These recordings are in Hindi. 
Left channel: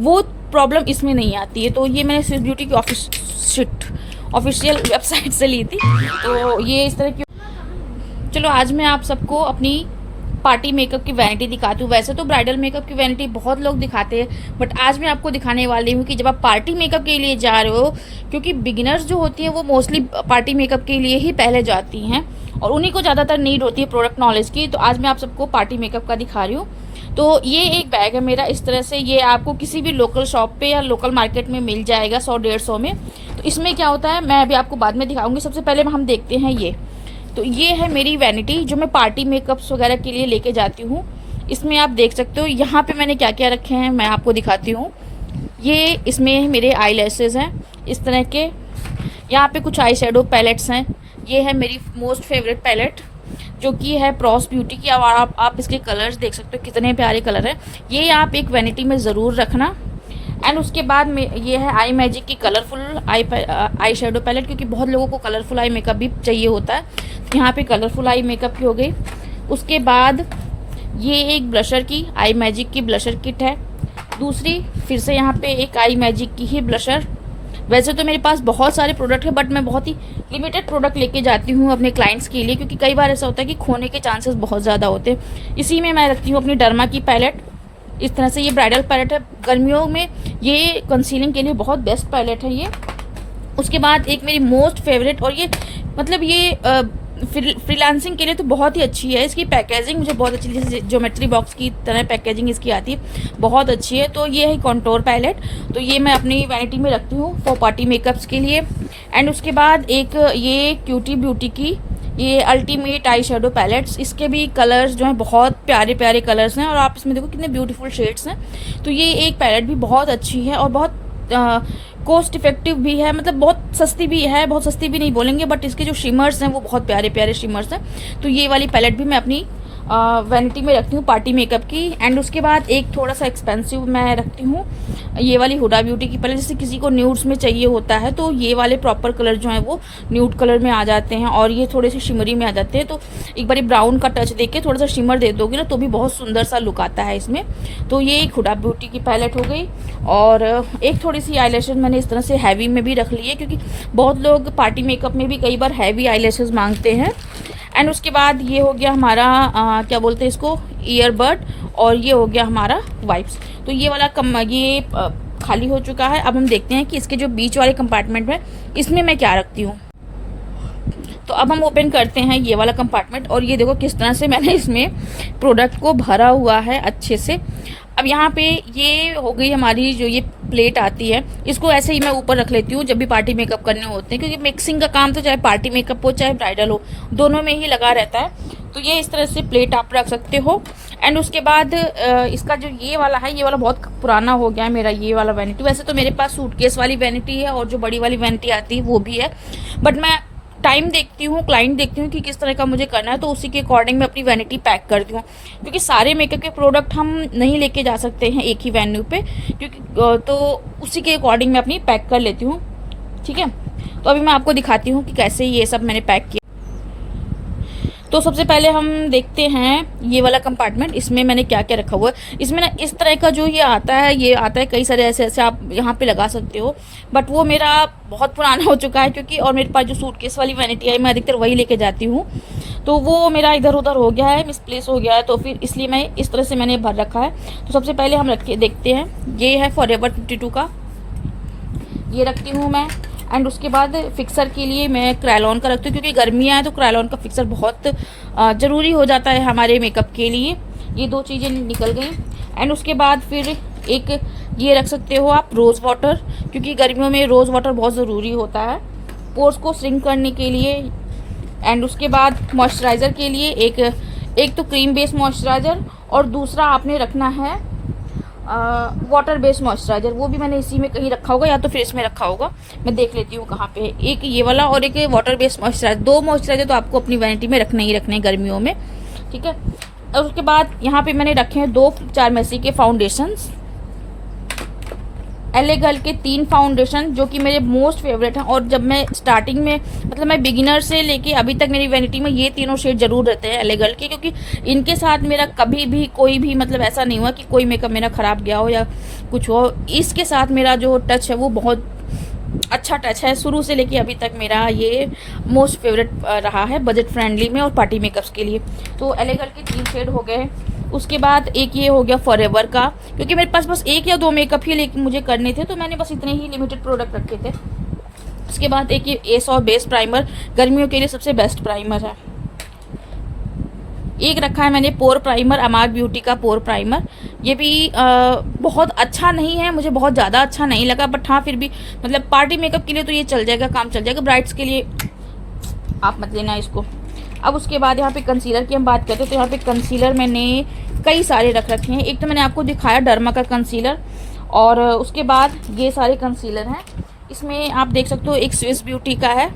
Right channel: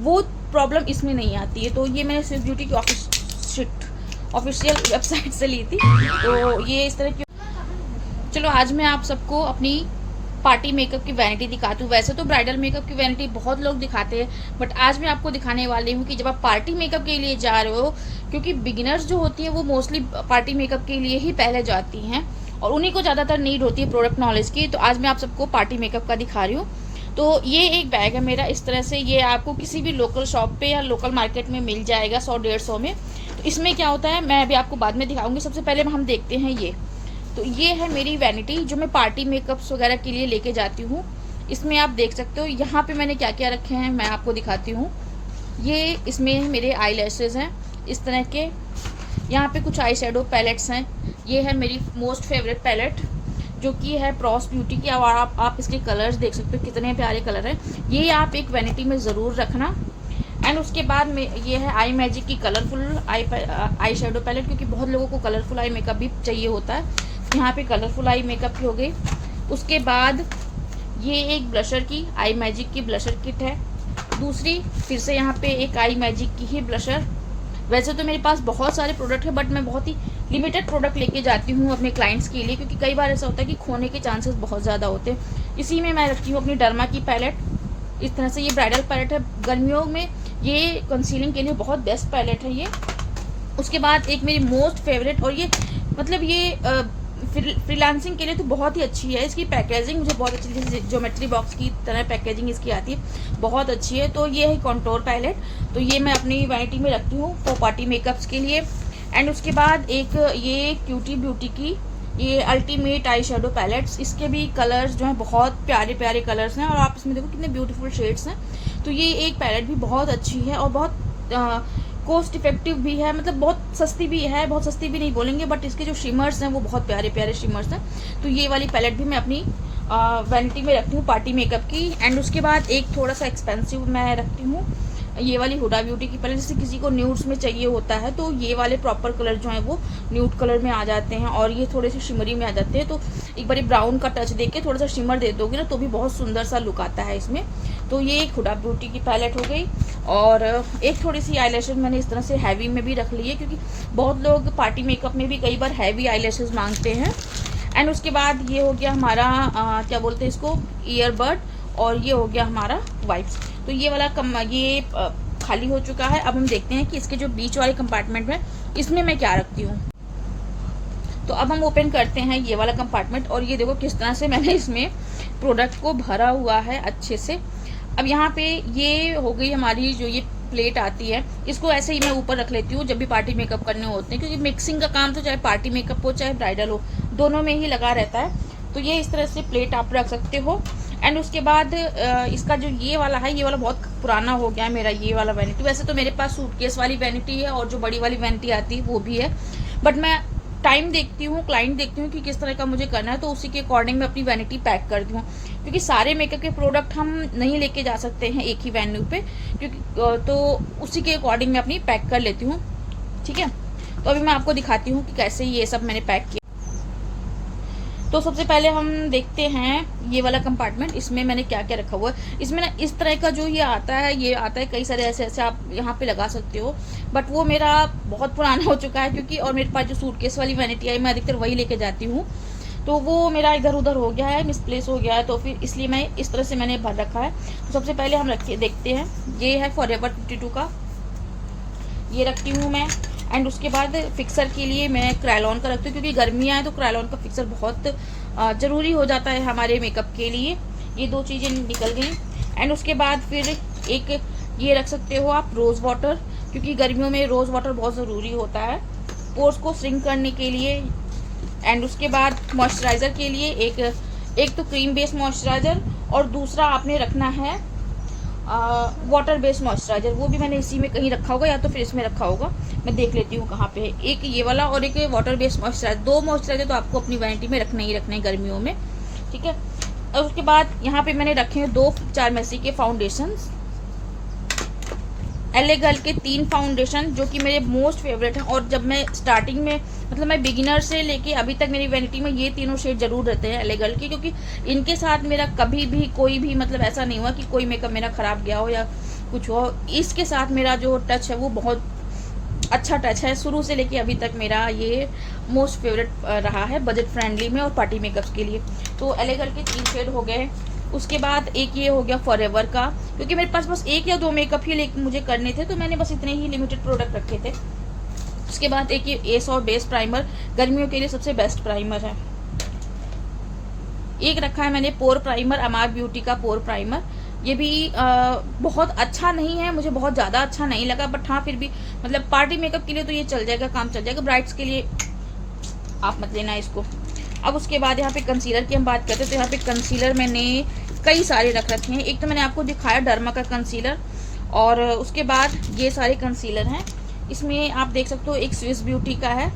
वो प्रॉब्लम इसमें नहीं आती है। तो ये मैंने स्विस ब्यूटी की ऑफिशियल वेबसाइट से ली थी। तो ये इस तरह की। चलो आज मैं आप सबको अपनी पार्टी मेकअप की वैनिटी दिखाती हूँ। वैसे तो ब्राइडल मेकअप की वैनिटी बहुत लोग दिखाते हैं, बट आज मैं आपको दिखाने वाली हूँ कि जब आप पार्टी मेकअप के लिए जा रहे हो, क्योंकि बिगिनर्स जो होती हैं वो मोस्टली पार्टी मेकअप के लिए ही पहले जाती हैं और उन्हीं को ज़्यादातर नीड होती है प्रोडक्ट नॉलेज की। तो आज मैं आप सबको पार्टी मेकअप का दिखा रही हूँ। तो ये एक बैग है मेरा इस तरह से, ये आपको किसी भी लोकल शॉप पे या लोकल मार्केट में मिल जाएगा 100-150 में। तो इसमें क्या होता है मैं अभी आपको बाद में दिखाऊंगी। सबसे पहले हम देखते हैं ये। तो ये है मेरी वैनिटी जो मैं पार्टी मेकअप्स वगैरह के लिए लेके जाती हूँ। इसमें आप देख सकते हो यहाँ पे मैंने क्या क्या रखे हैं, मैं आपको दिखाती हूँ। ये इसमें मेरे आई लैशेज़ हैं इस तरह के। यहाँ पे कुछ आई शेडो पैलेट्स हैं। ये है मेरी मोस्ट फेवरेट पैलेट जो कि है प्रॉस ब्यूटी की। अब आप इसके कलर्स देख सकते हो कितने प्यारे कलर हैं। ये आप एक वैनिटी में ज़रूर रखना। एंड उसके बाद में ये है आई मैजिक की कलरफुल आई शेडो पैलेट, क्योंकि बहुत लोगों को कलरफुल आई मेकअप भी चाहिए होता है। यहाँ पे कलरफुल आई मेकअप की हो गई। उसके बाद ये एक ब्लशर की आई मैजिक की ब्लशर किट है। दूसरी फिर से यहाँ पे एक आई मैजिक की ही ब्लशर। वैसे तो मेरे पास बहुत सारे प्रोडक्ट है, बट मैं बहुत ही लिमिटेड प्रोडक्ट लेके जाती हूँ अपने क्लाइंट्स के लिए, क्योंकि कई बार ऐसा होता है कि खोने के चांसेस बहुत ज़्यादा होते हैं। इसी में मैं रखती हूँ अपनी डर्मा की पैलेट इस तरह से। ये ब्राइडल पैलेट है, गर्मियों में ये कंसीलिंग के लिए बहुत बेस्ट पैलेट है ये। उसके बाद एक मेरी मोस्ट फेवरेट, और ये मतलब ये फ्रीलांसिंग के लिए तो बहुत ही अच्छी है। इसकी पैकेजिंग मुझे बहुत अच्छी, जैसे ज्योमेट्री बॉक्स की तरह पैकेजिंग इसकी आती है, बहुत अच्छी है। तो ये है कॉन्टोर पैलेट। तो ये मैं अपनी वैनिटी में रखती हूँ फॉर पार्टी मेकअप्स के लिए। एंड उसके बाद एक ये क्यूटी ब्यूटी की ये अल्टीमेट आई शेडो पैलेट्स। इसके भी कलर्स जो हैं बहुत प्यारे प्यारे कलर्स हैं, और आप इसमें देखो कितने ब्यूटीफुल शेड्स हैं। तो ये एक पैलेट भी बहुत अच्छी है और बहुत कॉस्ट इफेक्टिव भी है, मतलब बहुत सस्ती भी है। बहुत सस्ती भी नहीं बोलेंगे, बट इसके जो शिमर्स हैं वो बहुत प्यारे प्यारे शिमर्स हैं। तो ये वाली पैलेट भी मैं अपनी वैनिटी में रखती हूँ पार्टी मेकअप की। एंड उसके बाद एक थोड़ा सा एक्सपेंसिव मैं रखती हूँ ये वाली हुडा ब्यूटी की पैलेट। जैसे किसी को न्यूड्स में चाहिए होता है तो ये वाले प्रॉपर कलर जो हैं वो न्यूड कलर में आ जाते हैं, और ये थोड़े से शिमरी में आ जाते हैं। तो एक बार ब्राउन का टच देके थोड़ा सा शिमर दे दोगे ना तो भी बहुत सुंदर सा लुक आता है इसमें। तो ये एक हुडा ब्यूटी की पैलेट हो गई। और एक थोड़ी सी आईलैशेस मैंने इस तरह से हैवी में भी रख ली है, क्योंकि बहुत लोग पार्टी मेकअप में भी कई बार हैवी आईलैशेस मांगते हैं। एंड उसके बाद ये हो गया हमारा क्या बोलते हैं इसको, ईयरबड। और ये हो गया हमारा वाइप्स। तो ये वाला ये खाली हो चुका है। अब हम देखते हैं कि इसके जो बीच वाले कंपार्टमेंट है इसमें मैं क्या रखती हूँ। तो अब हम ओपन करते हैं ये वाला कंपार्टमेंट, और ये देखो किस तरह से मैंने इसमें प्रोडक्ट को भरा हुआ है अच्छे से। अब यहाँ पे ये हो गई हमारी जो ये प्लेट आती है, इसको ऐसे ही मैं ऊपर रख लेती हूँ जब भी पार्टी मेकअप करने होते हैं, क्योंकि मिक्सिंग का काम तो चाहे पार्टी मेकअप हो चाहे ब्राइडल हो दोनों में ही लगा रहता है। तो ये इस तरह से प्लेट आप रख सकते हो। एंड उसके बाद इसका जो ये वाला है, ये वाला बहुत पुराना हो गया है मेरा ये वाला वैनिटी। वैसे तो मेरे पास सूटकेस वाली वैनिटी है और जो बड़ी वाली वैनिटी आती है वो भी है, बट मैं टाइम देखती हूँ, क्लाइंट देखती हूँ कि किस तरह का मुझे करना है, तो उसी के अकॉर्डिंग मैं अपनी वैनिटी पैक करती हूँ। क्योंकि सारे मेकअप के प्रोडक्ट हम नहीं लेके जा सकते हैं एक ही वेन्यू पे, क्योंकि तो उसी के अकॉर्डिंग मैं अपनी पैक कर लेती हूँ। ठीक है, तो अभी मैं आपको दिखाती हूँ कि कैसे ये सब मैंने पैक किया। तो सबसे पहले हम देखते हैं ये वाला कंपार्टमेंट, इसमें मैंने क्या क्या रखा हुआ है। इसमें ना इस तरह का जो ये आता है कई सारे ऐसे ऐसे आप यहाँ पे लगा सकते हो, बट वो मेरा बहुत पुराना हो चुका है, क्योंकि और मेरे पास जो सूटकेस वाली वैनिटी है मैं अधिकतर वही लेके जाती हूँ, तो वो मेरा इधर उधर हो गया है, मिसप्लेस हो गया है। तो फिर इसलिए मैं इस तरह से मैंने भर रखा है। तो सबसे पहले हम रख के देखते हैं। ये है फॉरएवर 52 का, ये रखती हूँ मैं। एंड उसके बाद फिक्सर के लिए मैं क्रायलॉन का रखती हूँ, क्योंकि गर्मियाँ हैं तो क्रायलॉन का फिक्सर बहुत ज़रूरी हो जाता है हमारे मेकअप के लिए। ये दो चीज़ें निकल गई। एंड उसके बाद फिर एक ये रख सकते हो आप रोज़ वाटर, क्योंकि गर्मियों में रोज़ वाटर बहुत ज़रूरी होता है पोर्स को श्रिंक करने के लिए। एंड उसके बाद मॉइस्चराइज़र के लिए एक तो क्रीम बेस्ड मॉइस्चराइज़र, और दूसरा आपने रखना है वाटर बेस्ड मॉइस्चराइज़र। वो भी मैंने इसी में कहीं रखा होगा, या तो फिर इसमें रखा होगा, मैं देख लेती हूँ कहाँ पे है। एक ये वाला और एक वाटर बेस्ड मॉइस्चराइज़र। दो मॉइस्चराइज़र तो आपको अपनी वैनिटी में रखने ही रखने गर्मियों में। ठीक है, और उसके बाद यहाँ पे मैंने रखे हैं 2 चारमेसी के फाउंडेशंस, एले गर्ल के 3 फाउंडेशन जो कि मेरे मोस्ट फेवरेट हैं। और जब मैं स्टार्टिंग में मतलब मैं बिगिनर से लेके अभी तक मेरी वैनिटी में ये तीनों शेड जरूर रहते हैं एले गर्ल के, क्योंकि इनके साथ मेरा कभी भी कोई भी मतलब ऐसा नहीं हुआ कि कोई मेकअप मेरा खराब गया हो या कुछ हो। इसके साथ मेरा जो टच है वो बहुत अच्छा टच है, शुरू से लेके अभी तक मेरा ये मोस्ट फेवरेट रहा है बजट फ्रेंडली में और पार्टी मेकअप्स के लिए। तो एलेगल के 3 शेड हो गए। उसके बाद एक ये हो गया फॉरएवर का, क्योंकि मेरे पास बस 1 या 2 मेकअप ही मुझे करने थे, तो मैंने बस इतने ही लिमिटेड प्रोडक्ट रखे थे। उसके बाद एक ये एस और बेस प्राइमर, गर्मियों के लिए सबसे बेस्ट प्राइमर है। एक रखा है मैंने पोर प्राइमर, अमार ब्यूटी का पोर प्राइमर। ये भी बहुत अच्छा नहीं है, मुझे बहुत ज़्यादा अच्छा नहीं लगा, बट हाँ फिर भी मतलब पार्टी मेकअप के लिए तो ये चल जाएगा, काम चल जाएगा। ब्राइड्स के लिए आप मत लेना इसको। अब उसके बाद यहाँ पे कंसीलर की हम बात करते हैं, तो यहाँ पे कंसीलर मैंने कई सारे रख रखे हैं। एक तो मैंने आपको दिखाया डर्मा का कंसीलर, और उसके बाद ये सारे कंसीलर हैं। इसमें आप देख सकते हो एक स्विस ब्यूटी का है,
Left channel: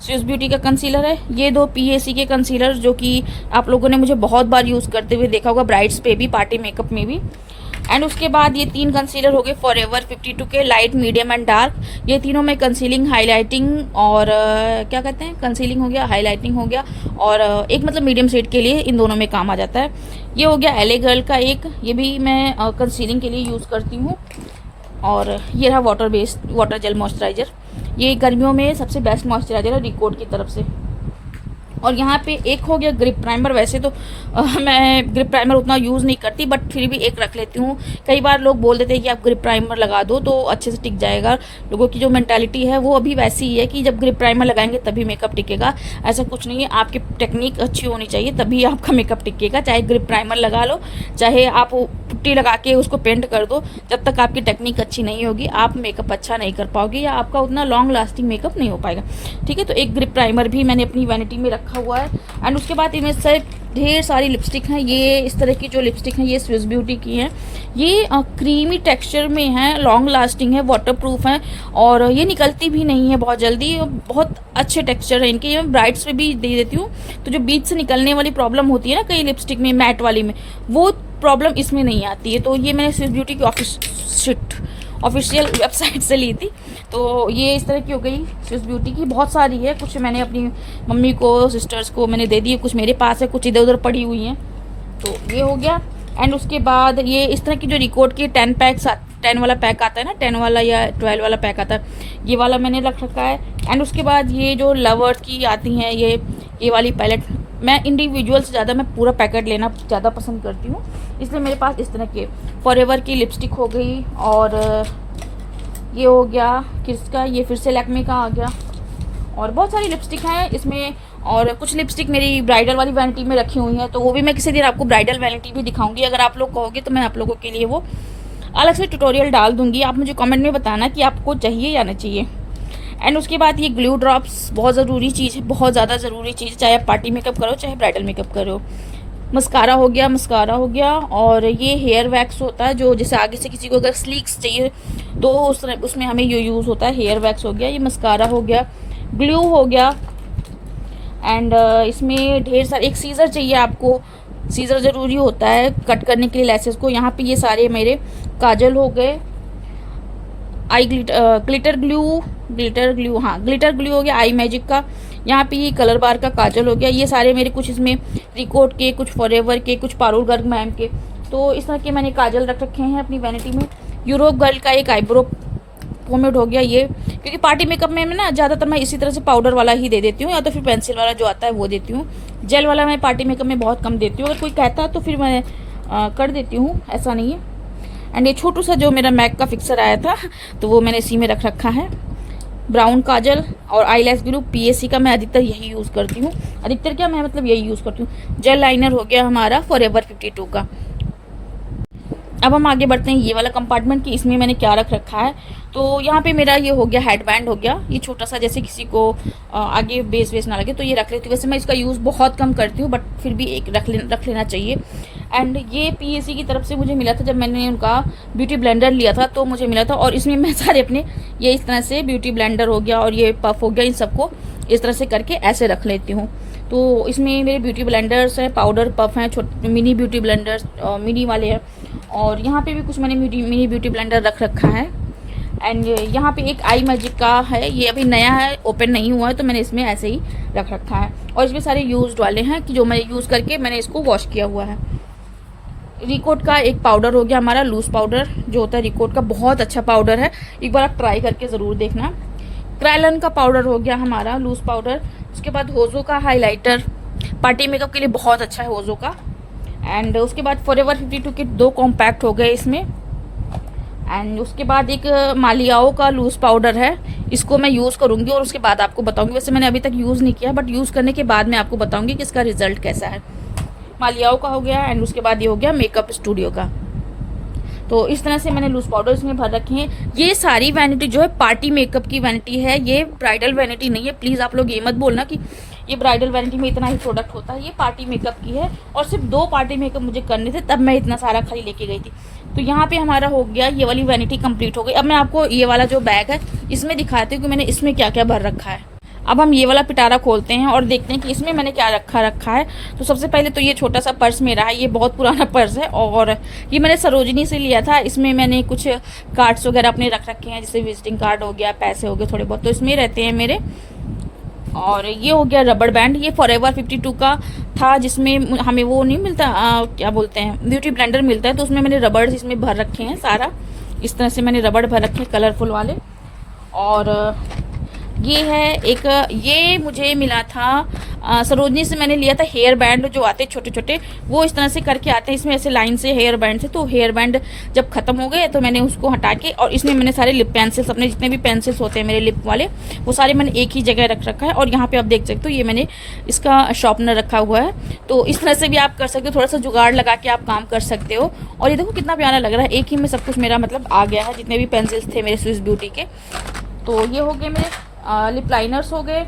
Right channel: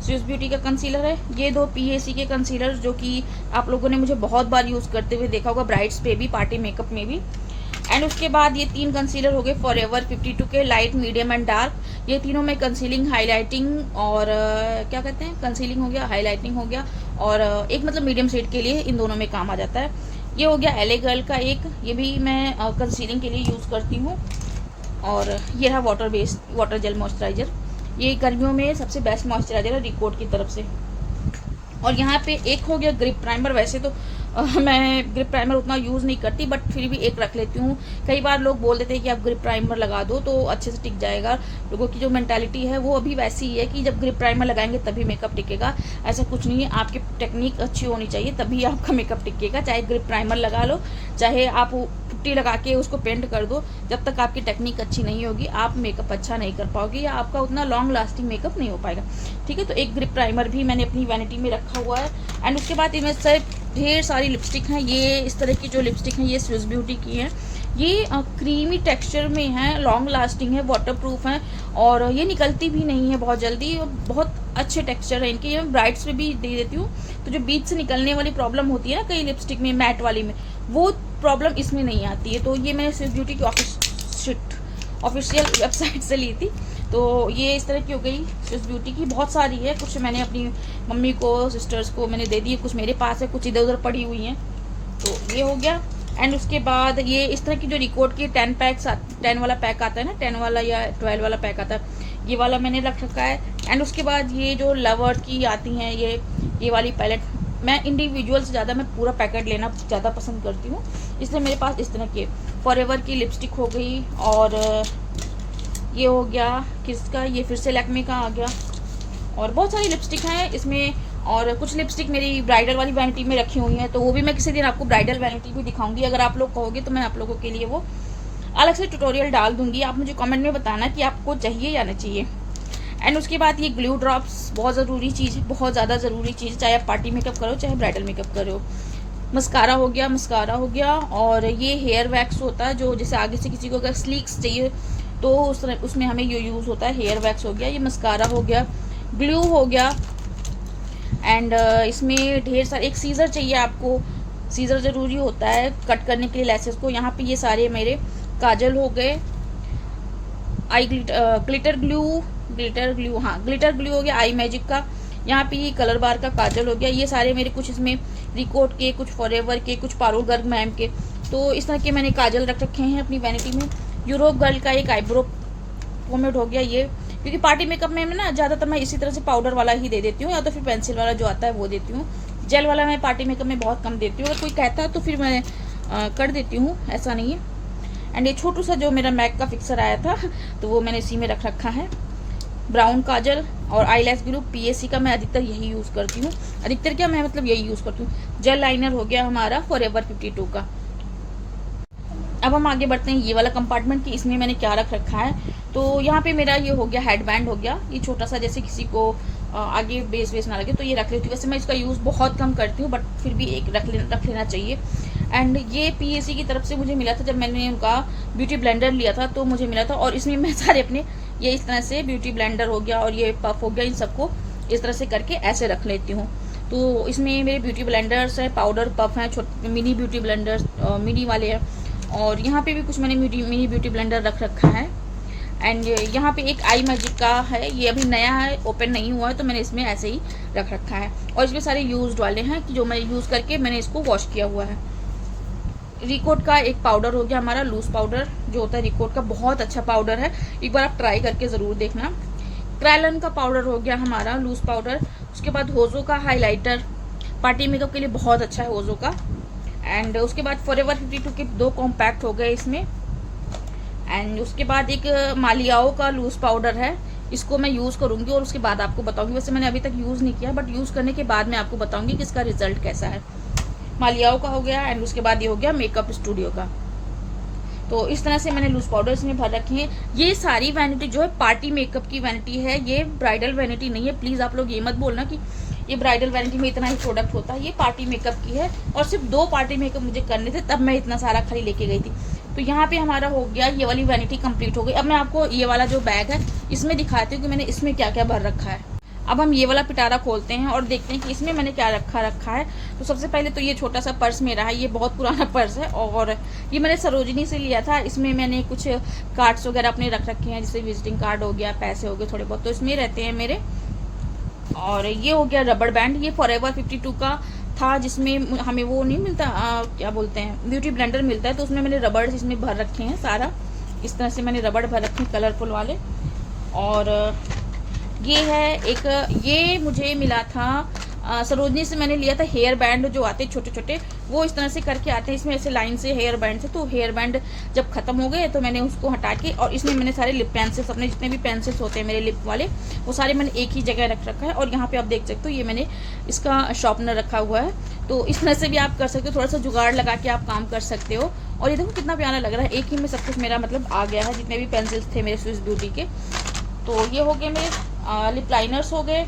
स्विस ब्यूटी का कंसीलर है। ये 2 पीएसी के कंसीलर जो कि आप लोगों ने मुझे बहुत बार यूज़ करते हुए देखा होगा, ब्राइड्स पे भी, पार्टी मेकअप में भी। एंड उसके बाद ये 3 कंसीलर हो गए फॉरएवर 52 के, लाइट, मीडियम एंड डार्क। ये तीनों में कंसीलिंग, हाईलाइटिंग और क्या कहते हैं, कंसीलिंग हो गया, हाईलाइटिंग हो गया, और एक मतलब मीडियम शेड के लिए इन दोनों में काम आ जाता है। ये हो गया एले गर्ल का एक, ये भी मैं कंसीलिंग के लिए यूज़ करती हूँ। और ये रहा water based water gel moisturiser, ये गर्मियों में सबसे बेस्ट मॉइस्चराइजर है रिकॉर्ड की तरफ से। और यहाँ पे एक हो गया ग्रिप प्राइमर। वैसे तो मैं ग्रिप प्राइमर उतना यूज़ नहीं करती, बट फिर भी एक रख लेती हूँ। कई बार लोग बोल देते हैं कि आप ग्रिप प्राइमर लगा दो तो अच्छे से टिक जाएगा। लोगों की जो मेंटालिटी है वो अभी वैसी ही है कि जब ग्रिप प्राइमर लगाएंगे तभी मेकअप टिकेगा। ऐसा कुछ नहीं है, आपकी टेक्निक अच्छी होनी चाहिए तभी आपका मेकअप टिकेगा। चाहे ग्रिप प्राइमर लगा लो, चाहे आप पुट्टी लगा के उसको पेंट कर दो, जब तक आपकी टेक्निक अच्छी नहीं होगी आप मेकअप अच्छा नहीं कर पाओगे, या आपका उतना लॉन्ग लास्टिंग मेकअप नहीं हो पाएगा। ठीक है, तो एक ग्रिप प्राइमर भी मैंने अपनी वैनिटी में रखा हुआ है। एंड उसके बाद इनमें से ढेर सारी लिपस्टिक हैं। ये इस तरह की जो लिपस्टिक हैं ये स्विस ब्यूटी की हैं। ये क्रीमी टेक्सचर में है, लॉन्ग लास्टिंग है, वाटरप्रूफ है, और ये निकलती भी नहीं है बहुत जल्दी। बहुत अच्छे टेक्सचर है इनके, ये मैं ब्राइड्स पे भी दे देती हूँ। तो जो बीच से निकलने वाली प्रॉब्लम होती है ना कई लिपस्टिक में, मैट वाली में, वो प्रॉब्लम इसमें नहीं आती है। तो ये मैंने स्विस ब्यूटी की ऑफिशियल वेबसाइट से ली थी। तो ये इस तरह की हो गई स्विस ब्यूटी की, बहुत सारी है। कुछ मैंने अपनी मम्मी को, सिस्टर्स को मैंने दे दी, कुछ मेरे पास है, कुछ इधर उधर पड़ी हुई हैं। तो ये हो गया। एंड उसके बाद ये इस तरह की जो रिकॉर्ड की 10 वाला पैक आता है ना, 10 वाला या 12 वाला पैक आता है, ये वाला मैंने रख रखा है। एंड उसके बाद ये जो लवर्स की आती हैं ये वाली पैलेट, मैं इंडिविजुअल से ज़्यादा मैं पूरा पैकेट लेना ज़्यादा पसंद करती हूँ, इसलिए मेरे पास इस तरह के फॉरएवर की लिपस्टिक हो गई। और ये हो गया किसका, ये फिर से लैक्मे का आ गया। और बहुत सारी लिपस्टिक हैं इसमें, और कुछ लिपस्टिक मेरी ब्राइडल वाली वैनिटी में रखी हुई हैं, तो वो भी मैं किसी दिन आपको ब्राइडल वैनिटी भी दिखाऊंगी। अगर आप लोग कहोगे तो मैं आप लोगों के लिए वो अलग से ट्यूटोरियल डाल दूंगी। आप मुझे कमेंट में बताना कि आपको चाहिए या नहीं चाहिए। एंड उसके बाद ये ग्लू ड्रॉप्स, बहुत ज़रूरी चीज़ है, बहुत ज़्यादा ज़रूरी चीज़ है, चाहे आप पार्टी मेकअप करो चाहे ब्राइडल मेकअप करो। मस्कारा हो गया। और ये हेयर वैक्स होता है, जो जैसे आगे से किसी को अगर स्लीक्स चाहिए तो उसमें हमें ये यूज़ होता है। हेयर वैक्स हो गया, ये मस्कारा हो गया, ग्लू हो गया। एंड इसमें ढेर सारे, एक सीज़र चाहिए आपको, सीज़र ज़रूरी होता है कट करने के लिए लैसेस को। यहाँ पे ये सारे मेरे काजल हो गए, आई ग्लिटर ग्लू हो गया आई मैजिक का। यहाँ पे ये कलर बार का काजल हो गया। ये सारे मेरे कुछ इसमें रिकॉर्ड के, कुछ फॉरएवर के, कुछ पारुल गर्ग मैम के। तो इस तरह के मैंने काजल रख रखे हैं अपनी वैनिटी में। यूरोप गर्ल का एक आईब्रो पोमेड हो गया ये, क्योंकि पार्टी मेकअप में ना ज़्यादातर मैं इसी तरह से पाउडर वाला ही दे देती हूँ, या तो फिर पेंसिल वाला जो आता है वो देती हूँ। जेल वाला मैं पार्टी मेकअप में बहुत कम देती हूँ, अगर कोई कहता तो फिर मैं कर देती हूँ, ऐसा नहीं है। एंड ये छोटू सा जो मेरा मैक का फिक्सर आया था तो वो मैंने इसी में रख रखा है। ब्राउन काजल और आईलैश ग्लू पीएसी का मैं अधिकतर यही यूज़ करती हूँ, अधिकतर क्या मैं मतलब यही यूज़ करती हूँ। जेल लाइनर हो गया हमारा फॉरएवर 52 का। अब हम आगे बढ़ते हैं ये वाला कंपार्टमेंट कि इसमें मैंने क्या रख रखा है। तो यहाँ पे मेरा ये हो गया हेडबैंड हो गया, ये छोटा सा, जैसे किसी को आगे बेस वेस ना लगे तो ये रख लेती हूँ। वैसे मैं इसका यूज़ बहुत कम करती हूँ, बट फिर भी एक रख लेना चाहिए। एंड ये पीएसी की तरफ से मुझे मिला था, जब मैंने उनका ब्यूटी ब्लेंडर लिया था तो मुझे मिला था। और इसमें मैं सारे अपने ये इस तरह से ब्यूटी ब्लेंडर हो गया और ये पफ हो गया, इन सबको इस तरह से करके ऐसे रख लेती हूँ। तो इसमें मेरे ब्यूटी ब्लेंडर्स हैं, पाउडर पफ हैं, छोटे मिनी ब्यूटी ब्लेंडर्स मिनी वाले हैं। और यहाँ पे भी कुछ मैंने मिनी ब्यूटी ब्लेंडर रख रखा है। एंड यहाँ पे एक आई मैजिक का है, ये अभी नया है, ओपन नहीं हुआ है, तो मैंने इसमें ऐसे ही रख रखा है। और इसमें सारे यूज्ड वाले हैं कि जो मैं यूज़ करके मैंने इसको वॉश किया हुआ है। रिकोट का एक पाउडर हो गया हमारा, लूज पाउडर जो होता है रिकोट का, बहुत अच्छा पाउडर है, एक बार आप ट्राई करके ज़रूर देखना। क्रायलन का पाउडर हो गया हमारा, लूज पाउडर। उसके बाद होजो का हाइलाइटर, पार्टी मेकअप के लिए बहुत अच्छा है होजो का। एंड उसके बाद फॉरएवर 52 के 2 कॉम्पैक्ट हो गए इसमें। एंड उसके बाद एक मालियाओ का लूज पाउडर है, इसको मैं यूज़ करूँगी और उसके बाद आपको बताऊँगी। वैसे मैंने अभी तक यूज़ नहीं किया, बट यूज़ करने के बाद मैं आपको बताऊँगी कि इसका रिजल्ट कैसा है। मालियाओ का हो गया। एंड उसके बाद ये हो गया मेकअप स्टूडियो का। तो इस तरह से मैंने लूज पाउडर इसमें भर रखे हैं। ये सारी वैनिटी जो है पार्टी मेकअप की वैनिटी है, ये ब्राइडल वैनिटी नहीं है। प्लीज़ आप लोग ये मत बोलना कि ये ब्राइडल वैनिटी में इतना ही प्रोडक्ट होता है, ये पार्टी मेकअप की है। और सिर्फ 2 पार्टी मेकअप मुझे करने थे, तब मैं इतना सारा खाली लेके गई थी। तो यहाँ पे हमारा हो गया, ये वाली वैनिटी कंप्लीट हो गई। अब मैं आपको ये वाला जो बैग है इसमें दिखाती हूँ कि मैंने इसमें क्या क्या भर रखा है। अब हम ये वाला पिटारा खोलते हैं और देखते हैं कि इसमें मैंने क्या रखा है। तो सबसे पहले तो ये छोटा सा पर्स मेरा है, ये बहुत पुराना पर्स है और ये मैंने सरोजनी से लिया था। इसमें मैंने कुछ कार्ड्स वगैरह अपने रख रखे हैं, जैसे विजिटिंग कार्ड हो गया, पैसे हो गए थोड़े बहुत, तो इसमें रहते हैं मेरे। और ये हो गया रबड़ बैंड, ये फॉरएवर 52 का था, जिसमें हमें वो नहीं मिलता, क्या बोलते हैं, ब्यूटी ब्लेंडर मिलता है। तो उसमें मैंने रबड़ इसमें भर रखे हैं सारा, इस तरह से मैंने रबड़ भर रखे हैं कलरफुल वाले। और ये है एक, ये मुझे मिला था सरोजनी से, मैंने लिया था हेयर बैंड जो आते छोटे छोटे, वो इस तरह से करके आते हैं इसमें ऐसे लाइन से हेयर बैंड से। तो हेयर बैंड जब खत्म हो गए तो मैंने उसको हटा के, और इसमें मैंने सारे लिप पेंसिल्स, अपने जितने भी पेंसिल्स होते हैं मेरे लिप वाले, वो सारे मैंने एक ही जगह रख रखा है। और यहाँ पे आप देख सकते हो ये मैंने इसका शार्पनर रखा हुआ है। तो इस तरह से भी आप कर सकते हो, थोड़ा सा जुगाड़ लगा के आप काम कर सकते हो। और ये देखो कितना प्यारा लग रहा है, एक ही में सब कुछ मेरा मतलब आ गया है, जितने भी पेंसिल्स थे मेरे स्विस ब्यूटी के। तो ये हो गए मेरे लिप लाइनर्स हो गए।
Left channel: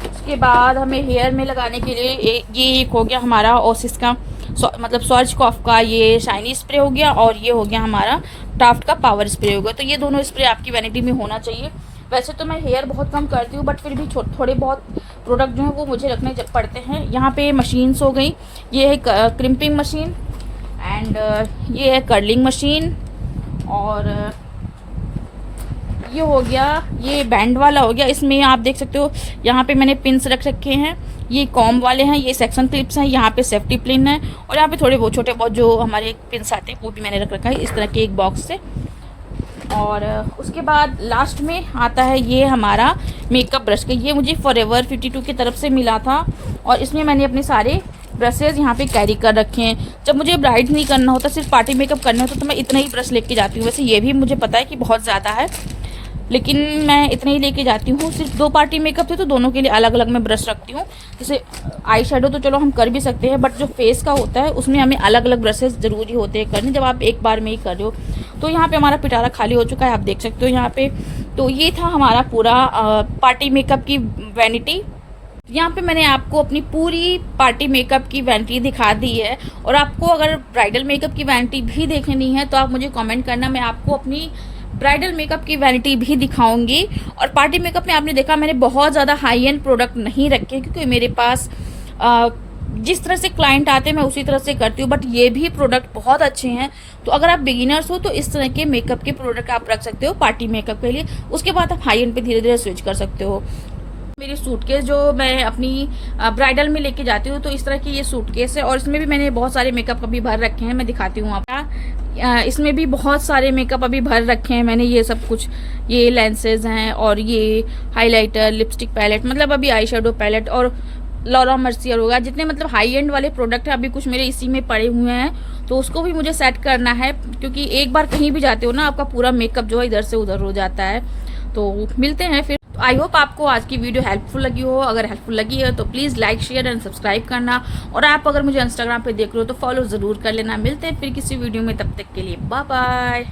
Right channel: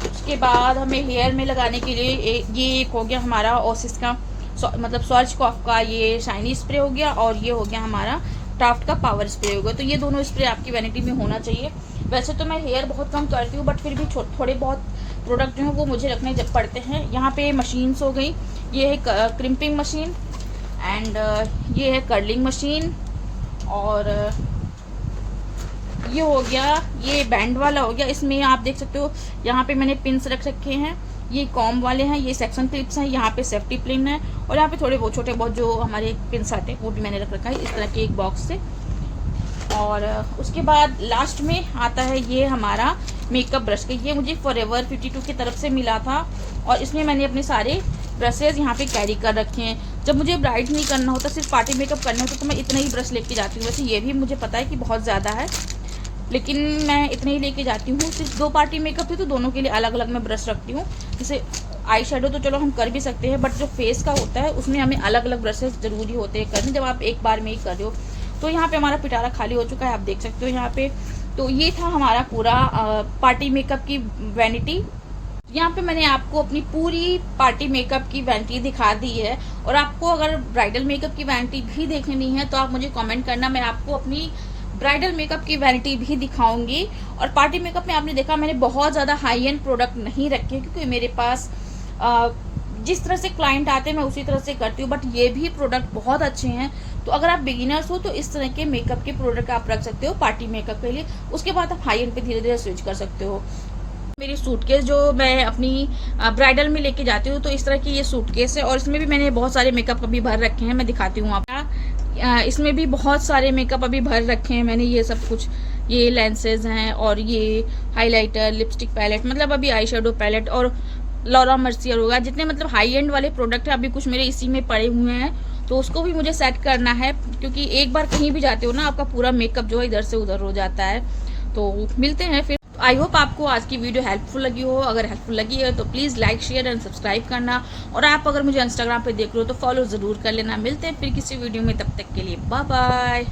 उसके बाद हमें हेयर में लगाने के लिए ये एक हो गया हमारा ओसिस का, मतलब सर्च कॉफ का ये शाइनी स्प्रे हो गया, और ये हो गया हमारा टाफ्ट का पावर स्प्रे हो गया। तो ये दोनों स्प्रे आपकी वैनिटी में होना चाहिए। वैसे तो मैं हेयर बहुत कम करती हूँ, बट फिर भी थोड़े बहुत प्रोडक्ट जो हैं वो मुझे रखने पड़ते हैं। यहाँ पे मशीन्स हो गई, ये है क्रिम्पिंग मशीन, एंड ये है कर्लिंग मशीन, और ये हो गया, ये बैंड वाला हो गया। इसमें आप देख सकते हो यहाँ पे मैंने पिन्स रख रखे हैं, ये कॉम वाले हैं, ये सेक्शन क्लिप्स हैं, यहाँ पे सेफ्टी पिन है, और यहाँ पे थोड़े बहुत छोटे बहुत जो हमारे पिन्स आते हैं वो भी मैंने रख रखा है इस तरह के एक बॉक्स से। और उसके बाद लास्ट में आता है ये हमारा मेकअप ब्रश का, ये मुझे फॉरएवर 52 की तरफ से मिला था। और इसमें मैंने अपने सारे ब्रशेज यहाँ पे कैरी कर रखे हैं। जब मुझे ब्राइड नहीं करना होता, सिर्फ पार्टी मेकअप करना होता, तो मैं इतना ही ब्रश लेके जाती हूँ। वैसे ये भी मुझे पता है कि बहुत ज़्यादा है, लेकिन मैं इतने ही लेके जाती हूँ। सिर्फ 2 पार्टी मेकअप थे तो दोनों के लिए अलग अलग मैं ब्रश रखती हूँ। जैसे आई शेडो तो चलो हम कर भी सकते हैं, बट जो फेस का होता है उसमें हमें अलग अलग ब्रशेज ज़रूरी होते हैं करने, जब आप एक बार में ही कर रहे हो। तो यहाँ पे हमारा पिटारा खाली हो चुका है, आप देख सकते हो यहाँ पे। तो ये था हमारा पूरा पार्टी मेकअप की वैनिटी। यहाँ पे मैंने आपको अपनी पूरी पार्टी मेकअप की वैनिटी दिखा दी है। और आपको अगर ब्राइडल मेकअप की वैनिटी भी देखनी है तो आप मुझे कमेंट करना, मैं आपको अपनी ब्राइडल मेकअप की वैनिटी भी दिखाऊंगी। और पार्टी मेकअप में आपने देखा मैंने बहुत ज़्यादा हाई एंड प्रोडक्ट नहीं रखे, क्योंकि मेरे पास जिस तरह से क्लाइंट आते हैं मैं उसी तरह से करती हूँ, बट ये भी प्रोडक्ट बहुत अच्छे हैं। तो अगर आप बिगिनर्स हो तो इस तरह के मेकअप के प्रोडक्ट आप रख सकते हो पार्टी मेकअप के लिए। उसके बाद आप हाई एंड पे धीरे धीरे स्विच कर सकते हो। मेरी सूटकेस जो मैं अपनी ब्राइडल में लेके जाती हूँ, तो इस तरह की ये सूटकेस है, और इसमें भी मैंने बहुत सारे मेकअप अभी भर रखे हैं, मैं दिखाती हूँ आपको। इसमें भी बहुत सारे मेकअप अभी भर रखे हैं मैंने, ये सब कुछ, ये लेंसेज हैं, और ये हाइलाइटर, लिपस्टिक पैलेट, मतलब अभी आई शेडो पैलेट, और लॉरा मर्सियर होगा, जितने मतलब हाई एंड वाले प्रोडक्ट हैं अभी कुछ मेरे इसी में पड़े हुए हैं। तो उसको भी मुझे सेट करना है, क्योंकि एक बार कहीं भी जाते हो ना, आपका पूरा मेकअप जो है इधर से उधर हो जाता है। तो मिलते हैं फिर। आई होप आपको आज की वीडियो हेल्पफुल लगी हो। अगर हेल्पफुल लगी है तो please like, share and subscribe करना। और आप अगर मुझे इंस्टाग्राम पे देख रहे हो तो फॉलो ज़रूर कर लेना। मिलते हैं फिर किसी वीडियो में, तब तक के लिए बाय बाय।